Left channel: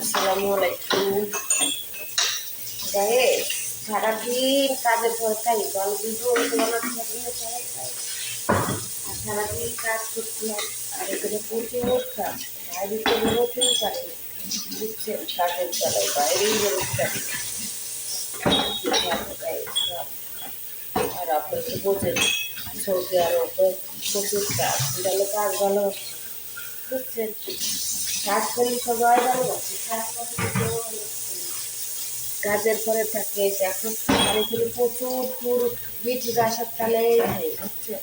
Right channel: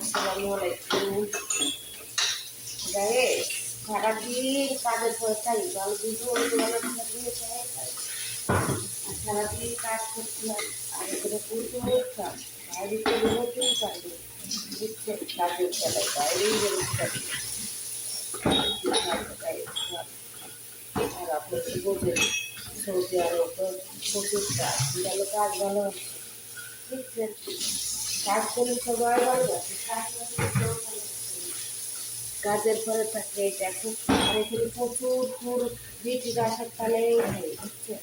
আসসালামু আলাইকুম গাইস। সারাদিন কাজের পর খাই ভালো ভিডিও বানাতে পারি না, আর সারাদিন কাজ করতে হয়। আর এখানে প্রচুর কাজ, বাইরে তো বেরোতেই পারি না, বুঝছেন? কাজের বেলায় বাইরেই বেরোতে পারি না। আর আপনি তো বোঝেন সৌদি আরবে প্রচুর কাজ, ভালো কাজ ভালো হচ্ছে, বুঝছেন? কাজ করলে সবাই ভালোবাসে, কাজ করলে কেউ ভালোবাসে না। কাজের পরে থাকে এখন, আর এখানে প্রচুর ব্রিটিশ আসার তালেই হয়, বুঝছেন?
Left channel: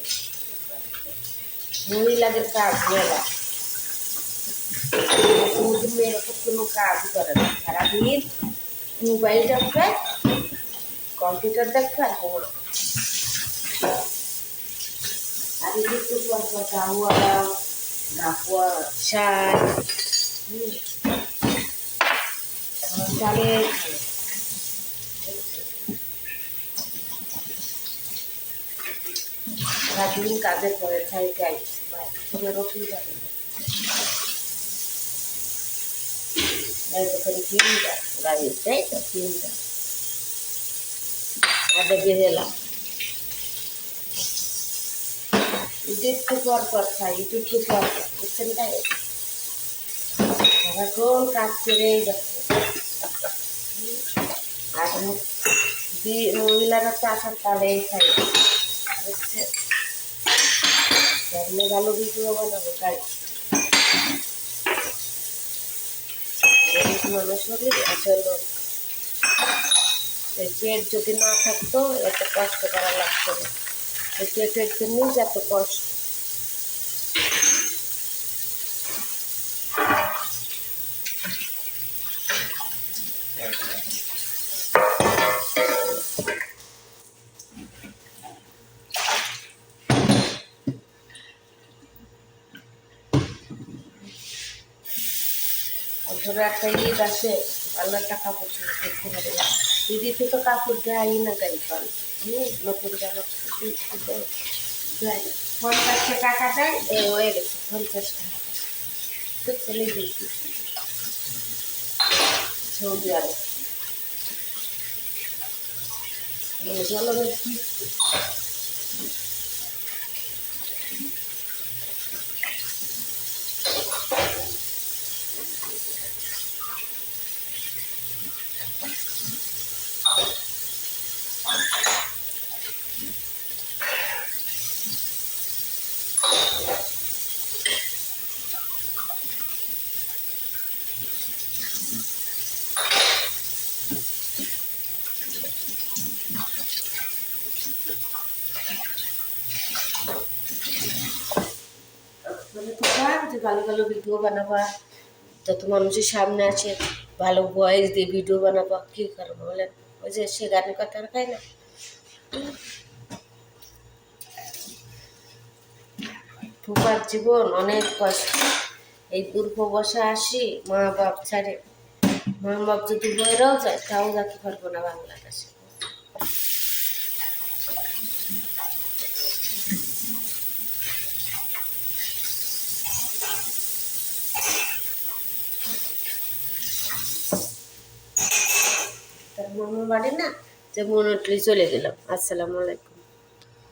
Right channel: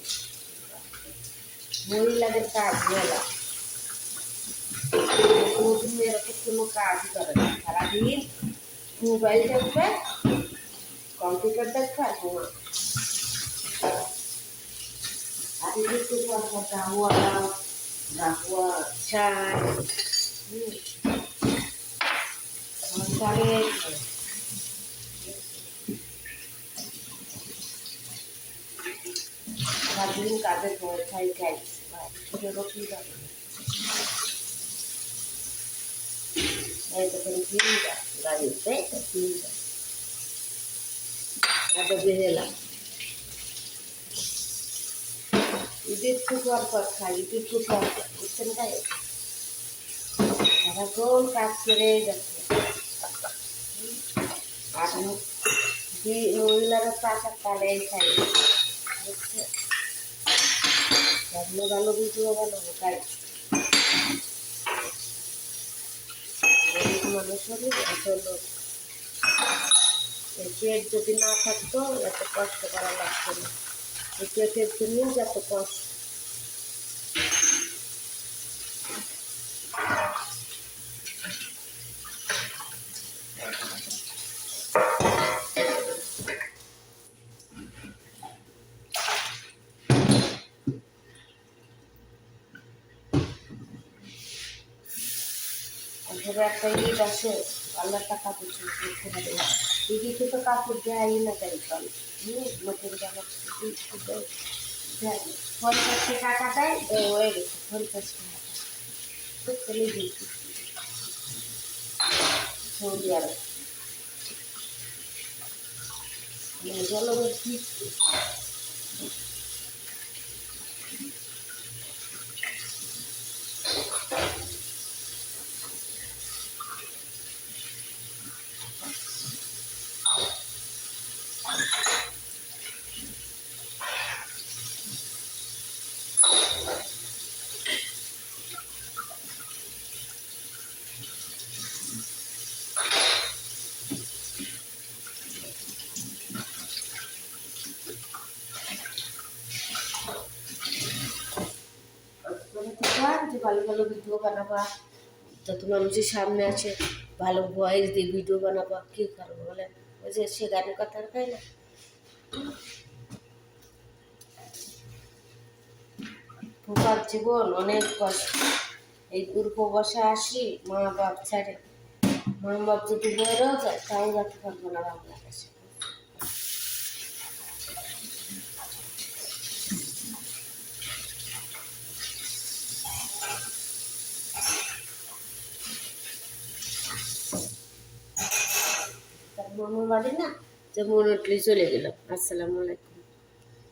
মহিলাদের কাজ মেলা, মেয়েরা তো কোনো কাজই করে না, সারাদিন মোবাইল দেখবে, কম্পিউটার দেখবে আর ঘুমা। আর একটু পর পর গাহুয়া দাও, গাহুয়া শাক চালে সারাদিন কাজের পরে খাই খাই বাইরে রোটি যাবে তখন কিনবা গাড়ি, তাই তো কিনবা আদা বেহেলা একটু পর খাই, একটু পর বুঝছেন? তাই সারাক্ষণ কাজ করে যাচ্ছে। আর মহিলারা তো আসার তালেই খাই, বুঝছেন? সামনে ভালো ভিডিও বানাবো তাই গরিব মানুষ হলে আসলে পেট যদি না থাকতো এত কষ্ট করা লাগতো না। এই পেটের জন্যই এত কষ্ট। ধরো একটা ঈদ আসে, আল্লাহ টাকা পয়সা দেখতে পারে, দিদিতে তো কাপড় দেয় না, গাই ফল নতুন জামা দেয় 50 টাকা দেয়, হয়ে গেছে 50 টাকা তো চলে গেছি সৌদি আরব। জলবের কি যে ভালো ভালো ভিডিও বানাবা, যত মানুষের সামনে আছে ভালো ভয়েস দিয়ে ভিডিও বানাবা, কী করবো বলেন? ওই যে সে গানের কথা খায় না, ঠোকার জীবন অনেক কষ্ট। এই দূরপ্রবাসে আসি মা বাপ ছাড়ে, মা বাপ যদি বইরাও যায় তাও যাতে পারবো না বাংলাদেশে। তার মামার বাড়ি না, যে মনে চলে গেলাম। আসসালামু আলাইকুম।